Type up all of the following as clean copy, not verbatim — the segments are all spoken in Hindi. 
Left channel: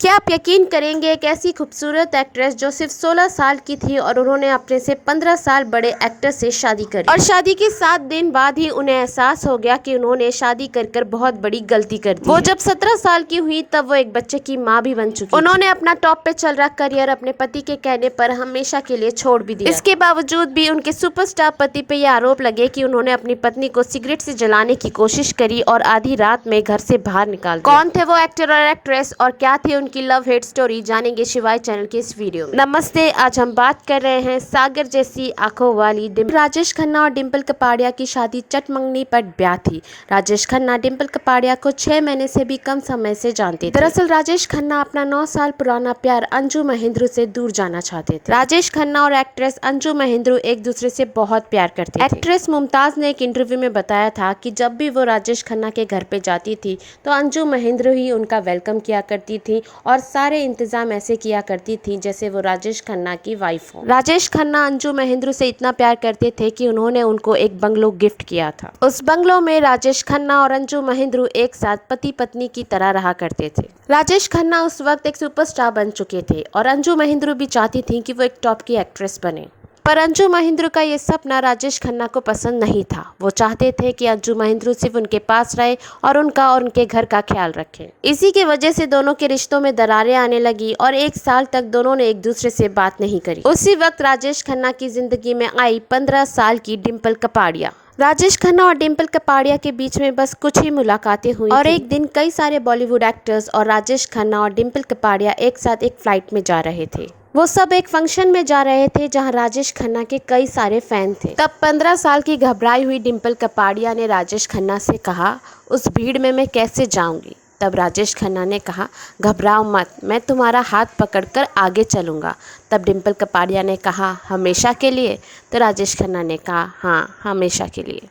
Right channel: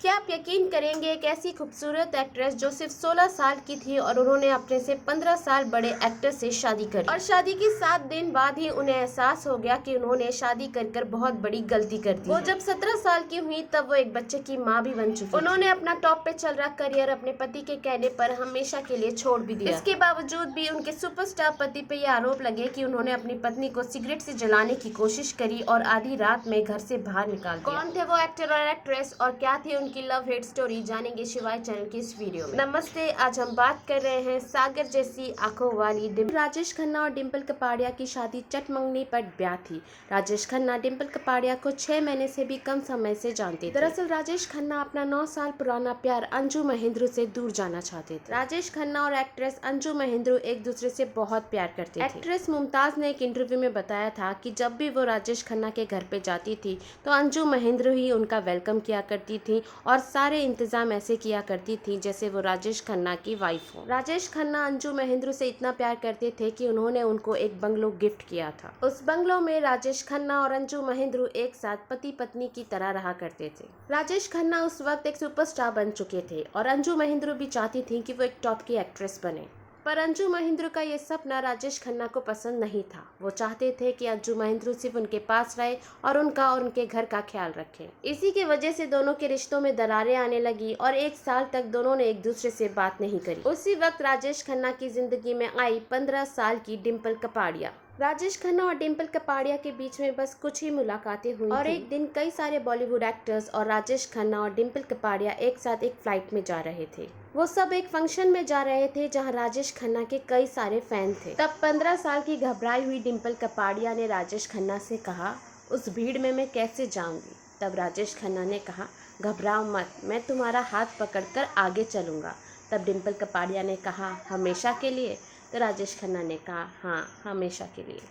क्या आप यकीन करेंगे, एक ऐसी खूबसूरत एक्ट्रेस जो सिर्फ 16 साल की थी और उन्होंने अपने से 15 साल बड़े एक्टर से शादी करी और शादी के 7 दिन बाद ही उन्हें एहसास हो गया कि उन्होंने शादी कर बहुत बड़ी गलती कर दी। वो जब 17 साल की हुई तब वो एक बच्चे की माँ भी बन चुकी। उन्होंने अपना टॉप पे चल रहा करियर अपने पति के कहने पर हमेशा के लिए छोड़ भी दिया। इसके बावजूद भी उनके सुपरस्टार पति पे ये आरोप लगे कि उन्होंने अपनी पत्नी को सिगरेट से जलाने की कोशिश करी और आधी रात में घर से बाहर निकाल दिया। कौन थे वो एक्टर और एक्ट्रेस और क्या थी उनकी लव हेट स्टोरी, जानेंगे शिवाय चैनल के इस वीडियो में। नमस्ते, आज हम बात कर रहे हैं सागर जैसी आंखों वाली राजेश खन्ना और डिंपल कपाड़िया की शादी चटमंगनी पर ब्याह थी। राजेश खन्ना डिंपल कपाड़िया को 6 महीने से भी कम समय से जानते थे। दरअसल राजेश खन्ना अपना 9 साल पुराना प्यार अंजू महेंद्रू से दूर जाना चाहते थे। राजेश खन्ना और एक्ट्रेस अंजू महेंद्रू एक दूसरे से बहुत प्यार करते थे। एक्ट्रेस मुमताज ने एक इंटरव्यू में बताया था कि जब भी वो राजेश खन्ना के घर पे जाती थी तो अंजू महेंद्रू ही उनका वेलकम किया करती थी और सारे इंतजाम ऐसे किया करती थी जैसे वो राजेश खन्ना की वाइफ हो। राजेश खन्ना अंजू महेंद्रू से इतना प्यार करते थे कि उन्होंने उनको एक बंगलो गिफ्ट किया था। उस बंगलो में राजेश खन्ना और अंजू महेंद्रू एक साथ पति पत्नी की तरह रहा करते थे। राजेश खन्ना उस वक्त एक सुपरस्टार बन चुके थे और अंजू महेंद्रू भी चाहती थी कि वो एक टॉप की एक्ट्रेस बने, पर अंजू महेंद्रू का ये सपना राजेश खन्ना को पसंद नहीं था। वो चाहते थे कि अंजू महेंद्रू सिर्फ उनके पास रहे और उनका और उनके घर का ख्याल रखे। इसी की वजह से दोनों के रिश्तों में दरारें आने लगी और 1 साल तक दोनों ने एक दूसरे से बात नहीं करी। उसी वक्त राजेश खन्ना की जिंदगी में आई 15 साल की डिंपल कपाड़िया। राजेश खन्ना और डिंपल कपाड़िया के बीच में बस कुछ ही मुलाकातें हुई और एक दिन कई सारे बॉलीवुड एक्टर्स और राजेश खन्ना और डिंपल कपाड़िया एक साथ एक फ्लाइट में जा रहे थे। वो सब एक फंक्शन में जा रहे थे जहां राजेश खन्ना के कई सारे फैन थे। तब 15 साल की घबराई हुई डिंपल कपाड़िया ने राजेश खन्ना से कहा, उस भीड़ में मैं कैसे जाऊंगी? तब राजेश खन्ना ने कहा, घबराओ मत, मैं तुम्हारा हाथ पकड़कर आगे चलूंगा। तब डिंपल कपाड़िया ने कहा, हमेशा के लिए? तो राजेश खन्ना ने कहा, हाँ, हमेशा के लिए।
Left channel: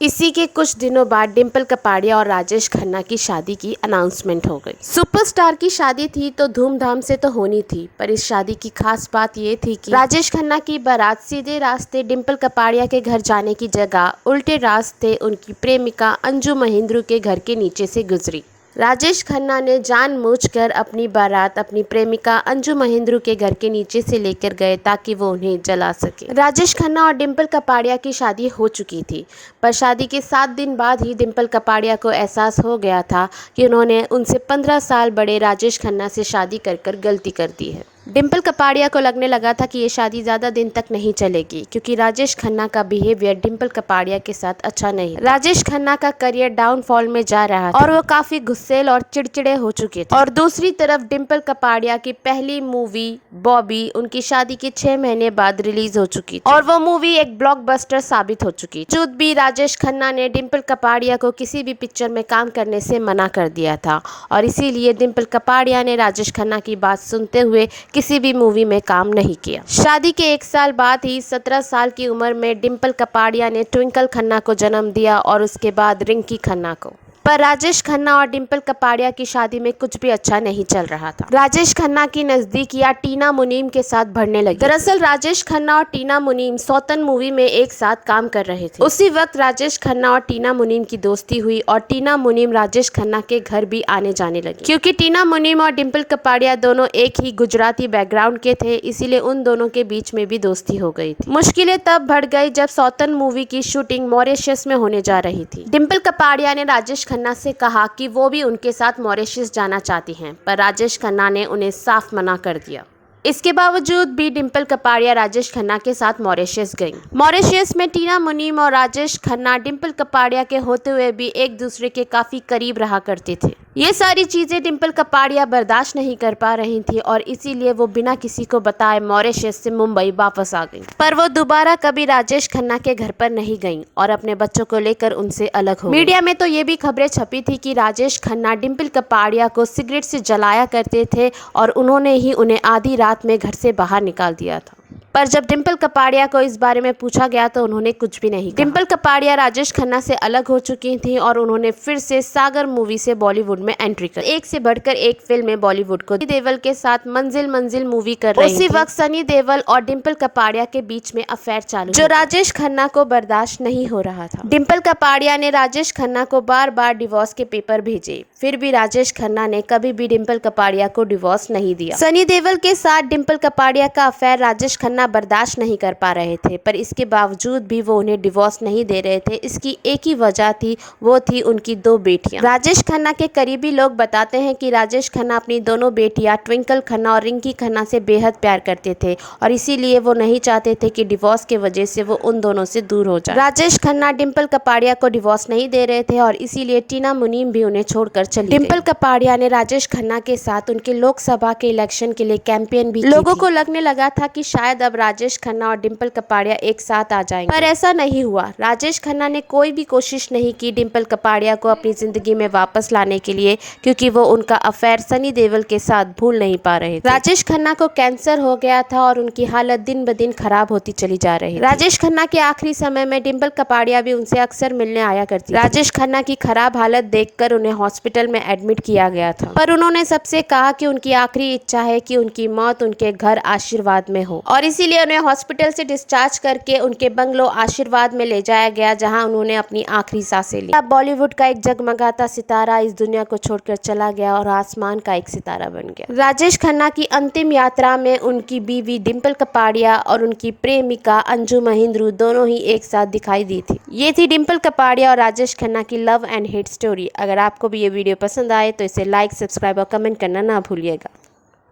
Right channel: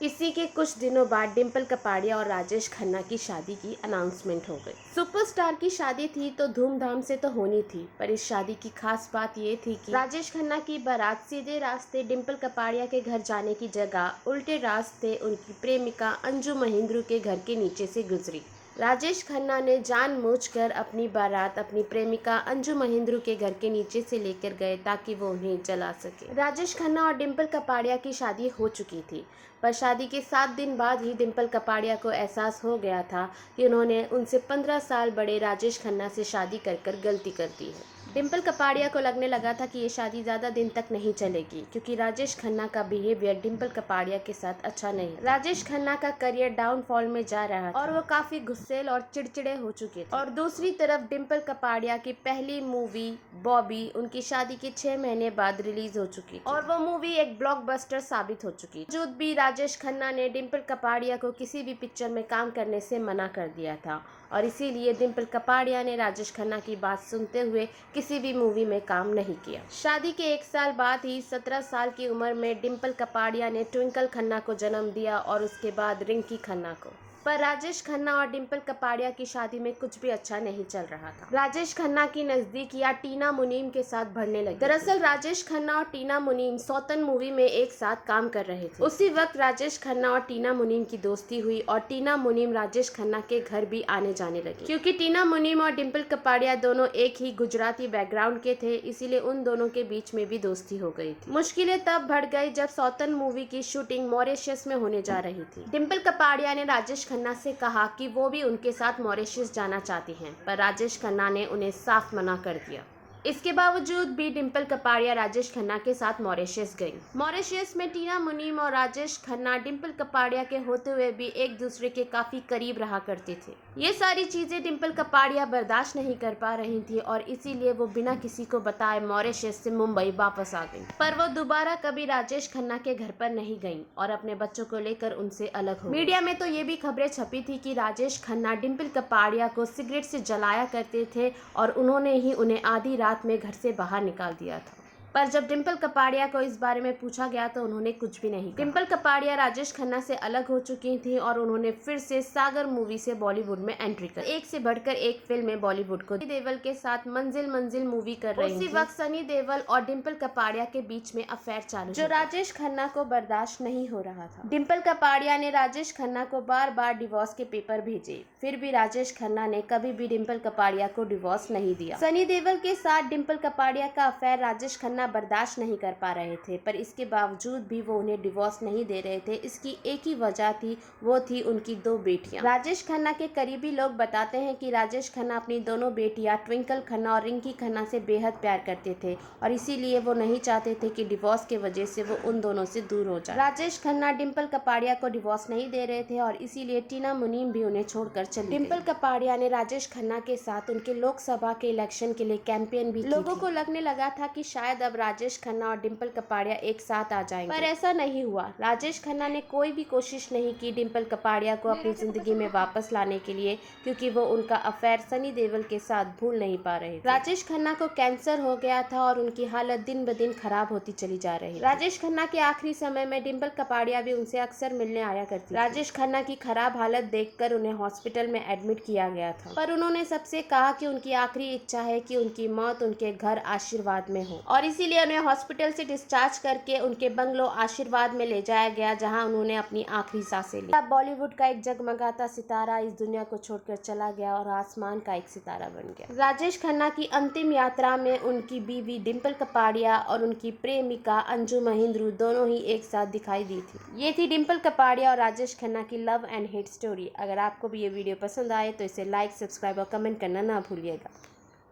इसी के कुछ दिनों बाद डिंपल कपाड़िया और राजेश खन्ना की शादी की अनाउंसमेंट हो गई। सुपरस्टार की शादी थी तो धूमधाम से तो होनी थी, पर इस शादी की खास बात ये थी कि राजेश खन्ना की बारात सीधे रास्ते डिंपल कपाड़िया के घर जाने की जगह उल्टे रास्ते उनकी प्रेमिका अंजू महेंद्रू के घर के नीचे से गुजरी। राजेश खन्ना ने जानबूझकर अपनी बारात अपनी प्रेमिका अंजू महेंद्रू के घर के नीचे से लेकर गए ताकि वो उन्हें जला सके। राजेश खन्ना और डिंपल कपाड़िया की शादी हो चुकी थी, पर शादी के 7 दिन बाद ही डिंपल कपाड़िया को एहसास हो गया था कि उन्होंने उनसे 15 साल बड़े राजेश खन्ना से शादी कर गलती कर दी है। डिंपल कपाड़िया को लगने लगा था कि ये शादी ज़्यादा दिन तक नहीं चलेगी क्योंकि राजेश खन्ना का बिहेवियर डिंपल कपाड़िया के साथ अच्छा नहीं। राजेश खन्ना का करियर डाउनफॉल में जा रहा था और वो काफ़ी गुस्सेल और चिड़चिड़े हो चुके थे। और दूसरी तरफ डिंपल कपाड़िया की पहली मूवी बॉबी उनकी शादी के 6 महीने बाद रिलीज हो चुकी थी और वो मूवी एक ब्लॉकबस्टर साबित हो चुकी। बावजूद भी राजेश खन्ना ने डिंपल कपाड़िया को किसी भी पिक्चर में काम करने से मना कर दिया था और इसीलिए डिंपल कपाड़िया ने राजेश खन्ना की बात सुनते हुए किसी भी मूवी में काम नहीं किया। शादी के 1 साल बाद ही 17 साल की उम्र में डिंपल कपाड़िया ने ट्विंकल खन्ना को जन्म दिया और उसके बाद रिंकी खन्ना को। पर राजेश खन्ना और डिंपल कपाड़िया की शादी में कुछ भी अच्छा नहीं चल रहा था। राजेश खन्ना की नजदीकियां टीना मुनीम के साथ बढ़ने लगी। दरअसल राजेश खन्ना और टीना मुनीम सौतन मूवी में एक साथ काम कर रहे थे। उसी वक्त राजेश खन्ना और टीना मुनीम की दोस्ती हुई और टीना मुनीम राजेश खन्ना के घर भी आने जाने लगी। क्योंकि टीना मुनीम और डिंपल कपाड़िया दोनों एक ही गुजराती बैकग्राउंड के थे, इसीलिए उन दोनों के बीच में भी दोस्ती हो गई थी। मुश्किलें तब बढ़ गई जब सौतन मूवी की शूटिंग मॉरिशस में होने जा रही थी। डिंपल कपाड़िया ने राजेश खन्ना से कहा कि वो भी उनके साथ मॉरिशस जाना चाहती हैं, पर राजेश खन्ना ने उन्हें साफ मना कर दिया। इसके बावजूद भी डिंपल कपाड़िया राजेश खन्ना के साथ मॉरिशस गईं। मॉरिशस में टीना मुनीम और राजेश खन्ना डिंपल कपाड़िया के होते हुए भी एक दूसरे के काफी करीब रहा करते थे। ये सारी चीजें डिंपल कपाड़िया बर्दाश्त नहीं कर पा रही थी और इसीलिए वो बिना किसी को बताए मॉरिशस से मुंबई वापस आ गई। पर वो दोबारा कभी राजेश खन्ना के घर पर नहीं गईं और अपने बच्चों को लेकर उनसे अलग हो गईं। मीडिया में तो ये भी खबरें छपी थी कि राजेश खन्ना डिंपल कपाड़िया को सिगरेट से जलाया करते थे और उन्होंने ही उन्हें आधी रात में घर से बाहर निकाल दिया था। पर जब डिम्पल कपाड़िया को इस बारे में पूछा गया तो उन्होंने कुछ भी नहीं कहा। डिम्पल कपाड़िया राजेश खन्ना से अलग हो चुकी थी और उन्होंने फिर से सागर मूवी से बॉलीवुड में एंट्री कर एक से बढ़कर एक फिल्म में बॉलीवुड को सनी देओल के साथ मंजिल मंजिल मूवी कर रही थी। उसी वक्त सनी देओल और डिम्पल कपाड़िया के बीच में अफेयर चालू जो राजेश खन्ना को बर्दाश्त नहीं हो रहा था। डिम्पल कपाड़िया ने राजेश खन्ना को बार बार डिवोर्स के पेपर भेजे, फिर भी राजेश खन्ना ने कभी भी डिम्पल कपाड़िया को डिवोर्स नहीं दिया। सनी देओल के साथ डिम्पल कपाड़िया का अफेयर राजेश खन्ना बर्दाश्त नहीं कर पा रहे थे, पर इसके बावजूद भी वो उन्हें डिवोर्स नहीं दे रहे थे। इसकी एक ही वजह थी, वो थी उनकी 2 बेटियां। राजेश खन्ना के करीबी लोग बताते हैं कि राजेश खन्ना अपनी दोनों बेटियां ट्विंकल खन्ना और रिंकी खन्ना से बेहद प्यार करते थे और इसीलिए वो नहीं चाहते थे कि डिवोर्स के वजह से वो उन दोनों से दूर हो जाए। राजेश खन्ना डिम्पल कपाड़िया को डिवोर्स नहीं दे रहे थे और इसीलिए टीना मुनीम भी उन्हें छोड़कर चली गई। डिम्पल कपाड़िया ने राजेश खन्ना के साथ उनके लोकसभा के इलेक्शन के लिए कैंपेन भी लोगों को लगने लगा था कि शायद अब राजेश खन्ना और डिम्पल कपाड़िया एक साथ आ जाएंगे, पर ऐसा नहीं हुआ। राजेश खन्ना ने कोई भी कोशिश नहीं की डिम्पल कपाड़िया को अपनी जिंदगी में वापस लाने के लिए, क्योंकि वो उनका अफेयर सनी देओल के साथ भूल नहीं पा रहे थे। राजेश खन्ना को कैंसर हो गया था और उनकी हालत दिन ब दिन खराब होती चली जा रही थी। राजेश खन्ना के आखिरी समय में डिम्पल कपाड़िया भी उनसे अक्सर मिलने आया करती थी। राजेश खन्ना की खराब हालत देखकर उन्हें हॉस्पिटल में एडमिट किया गया था, पर उन्होंने सबसे कहा कि उनकी आखिरी इच्छा है कि उनकी मौत उनके घर आशीर्वाद में हो और इसीलिए उन्हें हॉस्पिटल से डिस्चार्ज करके उनके बंगलो आशीर्वाद में ले जाया गया, जहां उन्होंने अपनी आखिरी सांसें ली। अब बॉलीवुड का एक जगमगाता सितारा इस दुनिया को छोड़कर चला गया और आसमान का एक सितारा बन गया। राजेश खन्ना की अंतिम यात्रा में उनकी बीवी डिम्पल कपाड़िया और उनकी प्रेमिका अंजू महिंद्रू दोनों ही एक साथ दिखाई दी थी। ये थी डिम्पल कपाड़िया और राजेश खन्ना की लव एंड हेट स्टोरी। अगर आपको भी ये वीडियो पसंद आए तो इसे लाइक, सब्सक्राइब और कमेंट करना ना भूलिएगा।